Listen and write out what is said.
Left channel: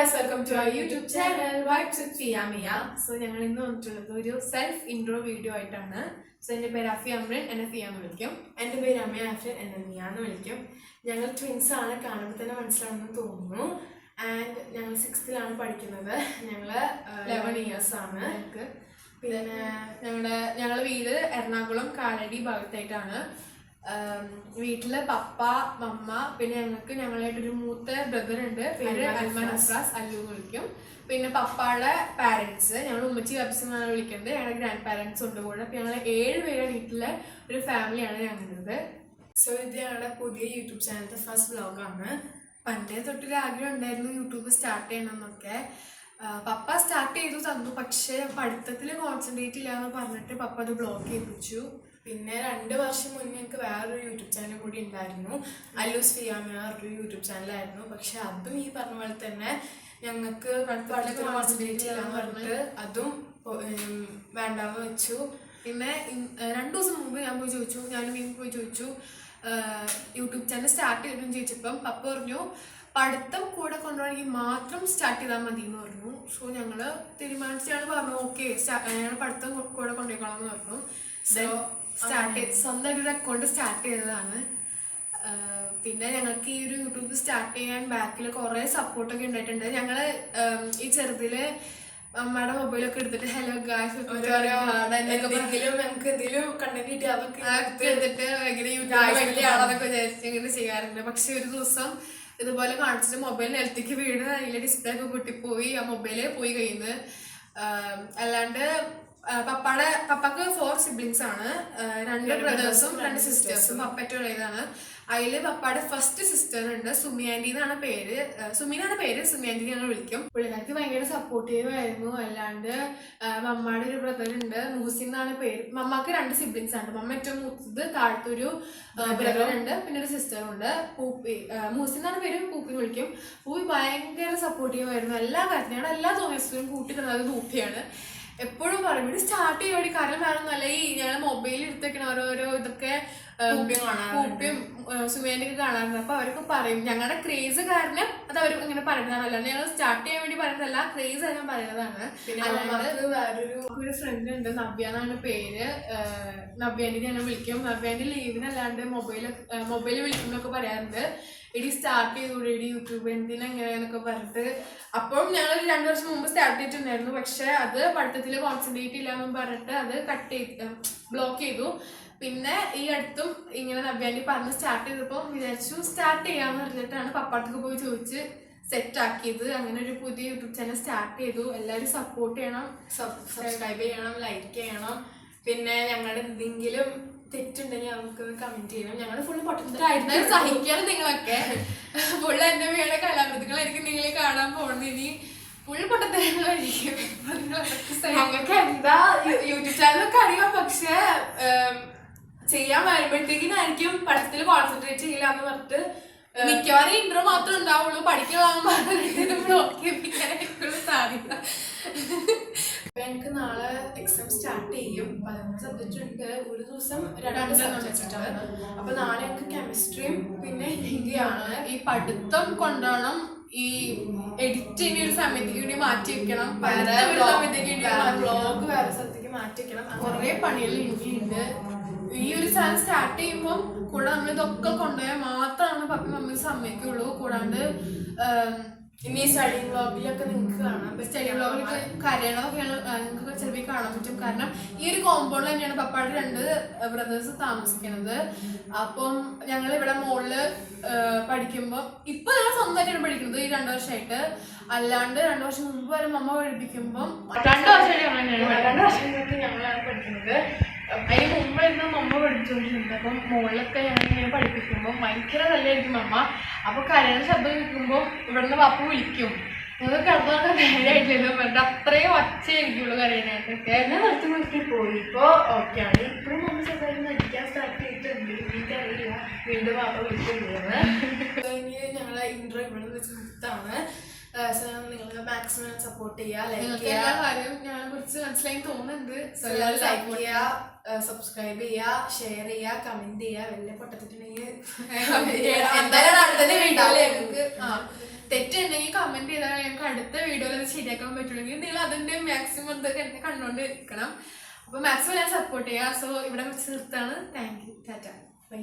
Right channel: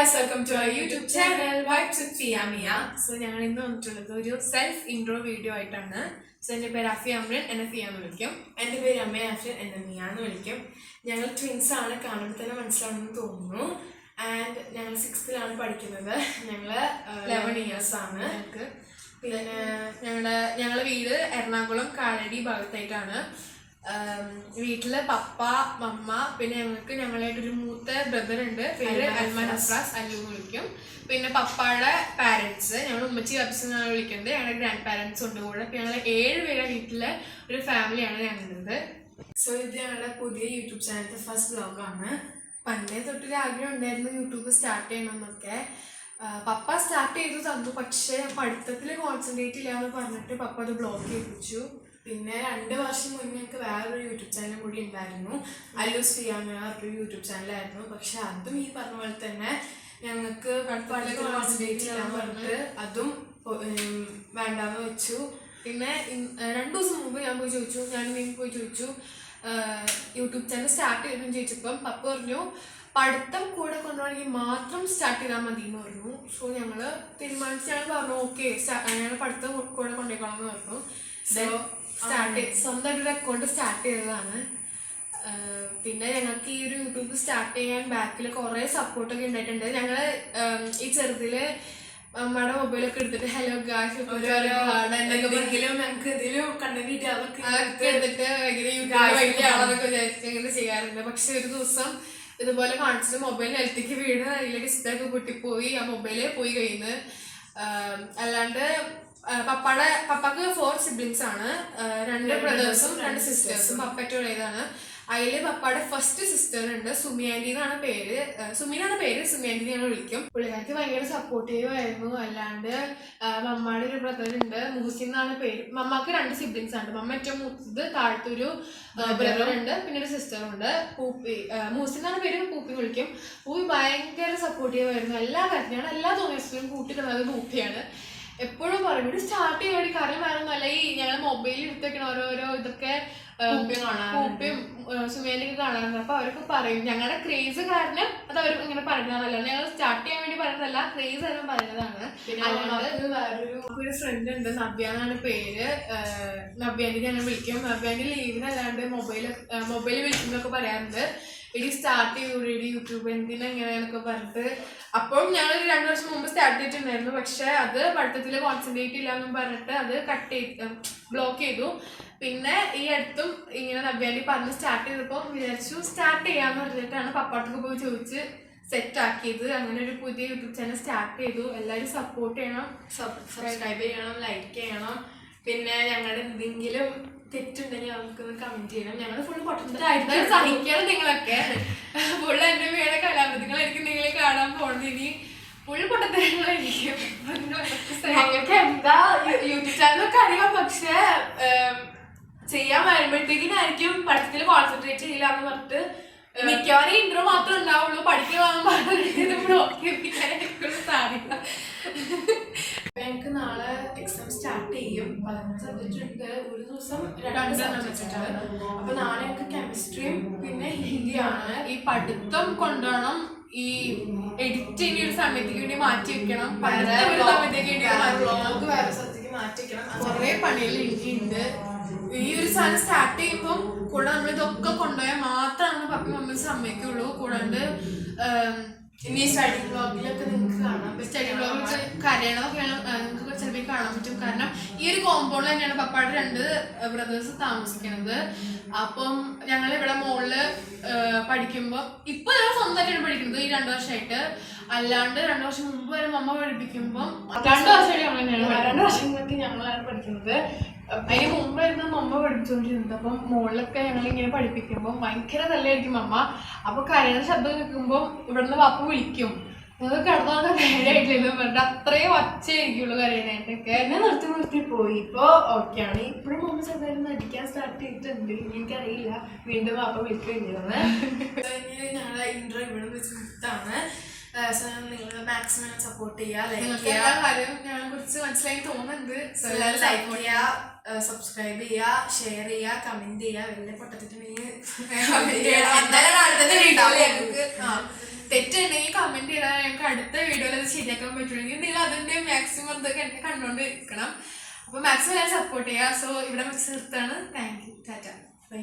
guys, welcome to our YouTube channel Vibes with Fia Mia. So ഞങ്ങൾ ഇന്ന് വന്നിട്ടുള്ളത് ഒരു സെൽഫ് ഇൻട്രോ വീഡിയോ ആയിട്ടാണ്. സോ എൻ്റെ പേര് അഫി അമ്രൻ, എന്നെ ഫിയ എന്ന് വിളിക്കും. എൻ്റെ പേര് അമ്മ അഫിൻ, എന്നെ മിയ എന്ന് വിളിക്കും. ഞങ്ങൾ ട്വിൻസ് ആണ്, കാണുമ്പോൾ തന്നെ മനസ്സിലാണെന്ന് തോന്നുന്നു. ആൻഡ് ഞങ്ങൾ 6th പഠിക്കുന്നത്. ഞങ്ങൾ 11 years ആണ്. പിന്നെ ഞങ്ങളുടെ വീട് എറണാകുളം കാലടി ഭാഗത്തായിട്ടാണ്. വീട്ടില് പപ്പ, മമ്മ, പിന്നെ ഞങ്ങളായിട്ടൊരു മൂത്ത ബ്രദർ ഉണ്ട്, പേര് അൽമാൻ അഫ്രാസ്, അല്ലു എന്ന് വിളിക്കും. പിന്നെ പപ്പയുടെ പാരൻസ് ഞങ്ങൾ ഉമ്മച്ചി കബ്സ് എന്നാണ് വിളിക്കുന്നത്. ഞങ്ങളുടെ ഗ്രാൻഡ് പാരൻസ് ഉണ്ട് കൂടെ. അപ്പം ഞങ്ങൾ 7 പേരുടെ വീട്ടിലെ ഒരു ഫാമിലിയാണ് ഞങ്ങളുടേത്. സോ ഇത് ഞങ്ങളുടെ പുതിയ യൂട്യൂബ് ചാനലിൻ്റെ ഫസ്റ്റ് വ്ലോഗാണ്. പണ്ടേ തൊട്ടൊരു ആഗ്രഹം ഉണ്ടായിരുന്നു യൂട്യൂബ് സ്റ്റാർട്ട് ചെയ്യണം എന്നൊക്കെ. പപ്പ സ്റ്റാർട്ട് ചെയ്തു തന്നു, പക്ഷേ പഠിത്തത്തിൽ കോൺസെൻട്രേറ്റ് ഇല്ല എന്ന് പറഞ്ഞിട്ട് പപ്പ അത് ബ്ലോക്ക് ചെയ്യിപ്പിച്ചു. പിന്നെ 2 വർഷം മുന്നേ ഞങ്ങൾക്ക് വേറൊരു യൂട്യൂബ് ചാനൽ കൂടി ഉണ്ടായിരുന്നു, അല്ലൂസ് ഫിയ മിയ ഒരു യൂട്യൂബ് ചാനലായിരുന്നു. പക്ഷെ അതും ഈ പറഞ്ഞ പോലെ തന്നെ ഞങ്ങൾക്ക് പഠിത്തത്തിൽ കോൺസെൻട്രേറ്റ് ചെയ്യാൻ പറഞ്ഞിട്ട് അതും വേണ്ടാന്ന് വെച്ചു. പിന്നെ 2 ദിവസം മുമ്പ് ഞാൻ പോയി ചോദിച്ചു യൂട്യൂബ് ചാനൽ സ്റ്റാർട്ട് ചെയ്തെന്ന് ചോദിച്ചപ്പം പപ്പ പറഞ്ഞു പഠിത്തം കൂടെ കൊണ്ടുപോകണമെങ്കിൽ മാത്രം സ്റ്റാർട്ട് ചെയ്താൽ മതി എന്ന് പറഞ്ഞു. സോ ഞങ്ങൾ പറഞ്ഞു ഓക്കെ ഞങ്ങൾ പഠിത്തം കൂടെ കൊണ്ടുപോയിക്കോളാം എന്ന് പറഞ്ഞു. സ്വന്തമായിട്ടൊരു അക്കൗണ്ട് സ്റ്റാർട്ട് ചെയ്തതാണ്. പിന്നെ ഞങ്ങൾക്ക് ഈ ഒരു യൂട്യൂബ് സ്റ്റാർട്ട് ചെയ്യാൻ ബാക്കിൽ കുറേ സപ്പോർട്ടൊക്കെ ഉണ്ടായിട്ടുണ്ട്. ഞങ്ങൾ ഈ ചെറുതില് അമ്മയുടെ മൊബൈലൊക്കെ എടുത്തിട്ട് ഹലോ ഗായ്സ് ഞങ്ങൾക്ക് എന്തെങ്കിലും കണ്ടന്റ് കിട്ടി അതൊക്കെ എടുത്തിട്ട് ഭയങ്കര യൂട്യൂബ് വലിയ ആളൊക്കെ വിചാരിച്ച് ഇങ്ങനെ ചെയ്യാറുണ്ട്. പക്ഷെ ഒരു ദിവസം ഇതുപോലെ കാണിച്ചിട്ട് മൊബൈൽ നിലത്തേക്ക് വീട്, അതിലെ ഡിസ്പ്ലേ ഒക്കെ പൊട്ടിപ്പോയി, ആ മൊബൈല് പോയി കയ്യിൽ നിന്ന്. അല്ലാണ്ട് പപ്പക്ക് 4 siblings ആണ്, 2 ബ്രദേഴ്സും 2 സിസ്റ്റേഴ്സും. പപ്പ ഏറ്റവും ഇളയതാണ്. അതിൽ പപ്പയുടെ ഫസ്റ്റ് സിസ്റ്റർ ഉണ്ട്, സുമി ആൻറ്റി എന്നാണ് പേര്. സുമി ആൻറ്റി ഞങ്ങൾ വിളിക്കും. പുള്ളിക്കാർക്ക് ഭയങ്കര സപ്പോർട്ടീവ് ആയിരുന്നു. അല്ലാണ്ട് മമ്മയുടെ ഒരു ബ്രദർ ഉണ്ട്, മുഹസിൻ എന്നാണ് പേര്. മമ്മക്ക് 2 siblings ആണ്. മമ്മ ഏറ്റവും മൂത്തത്, താഴത്തൊരു ബ്രദർ ഉണ്ട്, പിന്നെ ഒരു സിസ്റ്ററും ഉണ്ട്. മുഹസിൻ എന്നാണ് പേര്, പൂപ്പി വിളിക്കും. പൂപ്പി ഭയങ്കര സപ്പോർട്ടീവ് ആയിരുന്നു എല്ലാ കാര്യത്തിനും. എല്ലാ തോന്നിയസും കൂട്ടിക്കുന്നത് പൂപ്പിയാണ്. എപ്പോഴും പറയും ഇവിടെ സ്റ്റാർട്ട് ചെയ്യാൻ വേണ്ടി, കാരണം വേണമെന്നല്ല, ഈ ഞങ്ങൾ മൊബൈലിൽ എടുത്തേക്കണ ഓരോരോ ഇതൊക്കെ പൂപ്പിയും സുമേന്റെ ഒക്കെ കാണാറുണ്ട്. അപ്പൊ അവരൊക്കെ പറയും ഞങ്ങളുടെ ക്രേസ് കാരണം അത് അവർ ഇങ്ങനെ പറയുന്നതല്ല, ഞങ്ങൾ സ്റ്റാർട്ട് ചെയ്യാൻ വേണ്ടി പറയുന്നതല്ല, ക്രേസ് എല്ലാം പറയുന്നതാണ്. ഒരു ഫ്രണ്ട് ഉണ്ട്, നബ്യ എന്നാണ് പേര്. നബ്യാൻ്റെ ഞാൻ വിളിക്കും. നബ്യാൻ്റെ ലീവിനല്ലാണ്ട് മൊബൈൽ വിളിക്കുമ്പോഴൊക്കെ പറയാറുണ്ട് എടി സ്റ്റാർട്ട് ചെയ്തൂടെ യൂട്യൂബ് എന്തിനെങ്ങനെയാന്നൊക്കെ പറഞ്ഞിട്ട്. അപ്പം ഞങ്ങൾ 2 വർഷം മുമ്പ് സ്റ്റാർട്ട് ചെയ്തിട്ടുണ്ടായിരുന്നു. പക്ഷെ അത് പഠിത്തത്തിൽ കോൺസെൻട്രേറ്റ് ഇല്ല എന്നും പറഞ്ഞിട്ട് അത് ബ്ലോക്ക് ചെയ്തു. പിന്നെ ഈ അടുത്തും ഇങ്ങനെ നബ്യാൻ്റെ പറഞ്ഞ് സ്റ്റാർട്ട് ചെയ്തപ്പോൾ വിചാരിച്ചു സ്റ്റാർട്ട് ചെയ്യാന്ന് പറഞ്ഞിട്ടാണ് പപ്പാട്ടൊക്കെ പോയി ചോദിച്ച് സെറ്റ് ആക്കിയത്. അങ്ങനെ ഒരു പുതിയ യൂട്യൂബ് ചാനൽ സ്റ്റാർട്ട് ചെയ്തു. എല്ലാവരും സപ്പോർട്ട് ചെയ്യണം, സബ്സ്ക്രൈബ് ചെയ്യണം, ലൈക്ക് ചെയ്യണം. പിന്നെ ഞങ്ങളുടെ എന്തെങ്കിലും തെറ്റുണ്ടെങ്കിൽ നമുക്ക് കമന്റ് ചെയ്യണം. ഞങ്ങൾ ഫുള്ള് പൊട്ടത്തിലായിരുന്നു, സഹിക്കണം നിങ്ങളൊക്കെ. ഫുള്ള് എൻ്റെ പേരെ കലാകൃതികളായിരിക്കും നിങ്ങൾ കാണാൻ പോകുന്നത്. ഇനി ഫുള്ള് പൊട്ടത്തരങ്ങളായിരിക്കും. ഞങ്ങൾക്ക് എന്താ യൂട്യൂബ് ചാനലൊക്കെ അറിയാം, പക്ഷെ ചെയ്യാൻ വരുമ്പോഴത്തേക്കിനായിരിക്കും പഠിത്തത്തിൽ കോൺസെൻട്രേറ്റ് ചെയ്യില്ല എന്ന് പറഞ്ഞിട്ട് മിക്കവാറും ഇൻട്രോ മാത്രമേ ഉണ്ടാവുള്ളൂ. പഠിക്കാൻ സാധിക്കില്ല. ഞങ്ങൾക്ക് നാളെ എക്സാം സ്റ്റാർട്ട് ചെയ്യും. 11 സബ്ജക്റ്റ് ഉണ്ട്, ഒരു ദിവസം 2 സബ്ജക്റ്റ് ആണ്. അപ്പൊ നാളെ ഞങ്ങൾക്ക് കെമിസ്ട്രിയും പിന്നെ ഹിന്ദിയാണ്. ഈ പഠിത്തം കൊണ്ടുപോകണം, ഈ എഡിറ്റിംഗ് ഒരു സമയത്തേക്ക് വേണ്ടി മാറ്റി വെക്കണം, വ്ളോഗ് വേറെ സ്ഥലത്തേക്ക് മാറ്റി വെക്കണം. കുറെ പണികൾ എനിക്കുണ്ട്. ഈ ഒരു സാധനം സ്റ്റാർട്ട് ചെയ്യുമ്പോൾ കൂടെ നമ്മളിതൊക്കെ കൊണ്ടുപോയാൽ മാത്രമാണ് പപ്പി മമ്മി സമ്മതിക്കുള്ളൂ. കൂടാണ്ട് ഇനി സ്റ്റഡി വ്ളോഗിലൊക്കെ നിങ്ങൾക്ക് കാണാം. സ്റ്റഡി വ്ളോഗിൽ കരയണമൊക്കെയാണ് നിങ്ങൾക്ക് ചിലപ്പോൾ കാണാൻ പറ്റും. കാരണം ഈ ഒരു കോമ്പൗണ്ടിൽ തന്നെയാണ് പപ്പയുടെ 2 ബ്രദേഴ്സ് താമസിക്കുന്നത്. അപ്പം ഞങ്ങൾ ഇവിടെ മുകളില് പഠിക്കുമ്പോൾ ഇപ്പൊ ഞങ്ങൾ സ്വന്തമായിട്ടാണ് പഠിക്കുന്നത് ഈ 2 വർഷമായിട്ട്. അല്ലാണ്ട് 2 വർഷം മുമ്പ് വരെ മമ്മ പഠിപ്പിക്കുമ്പോൾ 2 വർഷമായിട്ട് ഞങ്ങളാണ് പഠിക്കുന്നത്. അതിന് മുമ്പായിരുന്നു മമ്മ പഠിച്ചുകൊണ്ടിരുന്നത്. അപ്പം മുകളിലൊക്കെ ഞങ്ങളിങ്ങനെ പഠിപ്പിക്കുമ്പോൾ ഭയങ്കര നല്ലതായിരിക്കും മമ്മ. അപ്പൊ കരയുന്ന ശബ്ദം കേൾക്കുമ്പോൾ ഇവിടുന്ന് പപ്പ വിളിക്കും, നിങ്ങൾക്ക് കിടന്നോണ്ട് നേരായിട്ടില്ലെന്ന് പറഞ്ഞിട്ട് അത്രയും ഒച്ചയായിരിക്കുള്ളൂ കരയാനായിട്ടൊക്കെ. എന്നെ നിർത്തി പോയി. ഇപ്പൊ ഓക്കെയാണ്. ഇപ്പോഴും മമ്മ ചെറുതായിട്ട് നടിക്കാൻ സ്റ്റാർട്ട് ചെയ്തിട്ടുണ്ട്. എനിക്കറിയില്ല വീണ്ടും പാപ്പ വിളിക്കുന്നത്. ഞങ്ങളെ ഇൻട്രോ ഇവിടെ വെച്ച് നിർത്താണ്. നിങ്ങൾ മാക്സിമം സപ്പോർട്ട് ചെയ്യുക, ലൈക്ക് ചെയ്യുക. ഞങ്ങളെ കുറിച്ച് മനസ്സിലായി തോന്നുന്നുണ്ട്. ലൈക്ക് ചെയ്യുക, സബ്സ്ക്രൈബ് ചെയ്യുക, ഷെയർ ചെയ്യുക, കമന്റ് ചെയ്യുക. വലിയ പൊട്ടത്തിട്ടുണ്ടെങ്കിൽ തെറ്റുണ്ടെങ്കിൽ കമന്റ് ചെയ്താൽ ഞങ്ങൾക്ക് അടുത്ത വീഡിയോയിൽ അത് ശരിയാക്കാൻ പറ്റുമെങ്കിൽ നിങ്ങൾ അതിന്റെ മാക്സിമം ഇതൊക്കെ എന്നെ കണ്ടുകൊണ്ട് ഇരിക്കണം. അപ്പൊ മാക്സിമം ഞാൻ സപ്പോർട്ട് ചെയ്യാം. സോ ഇവിടെ വെച്ച് നിർത്താണ്. Thank you. ടാറ്റ. ബൈ.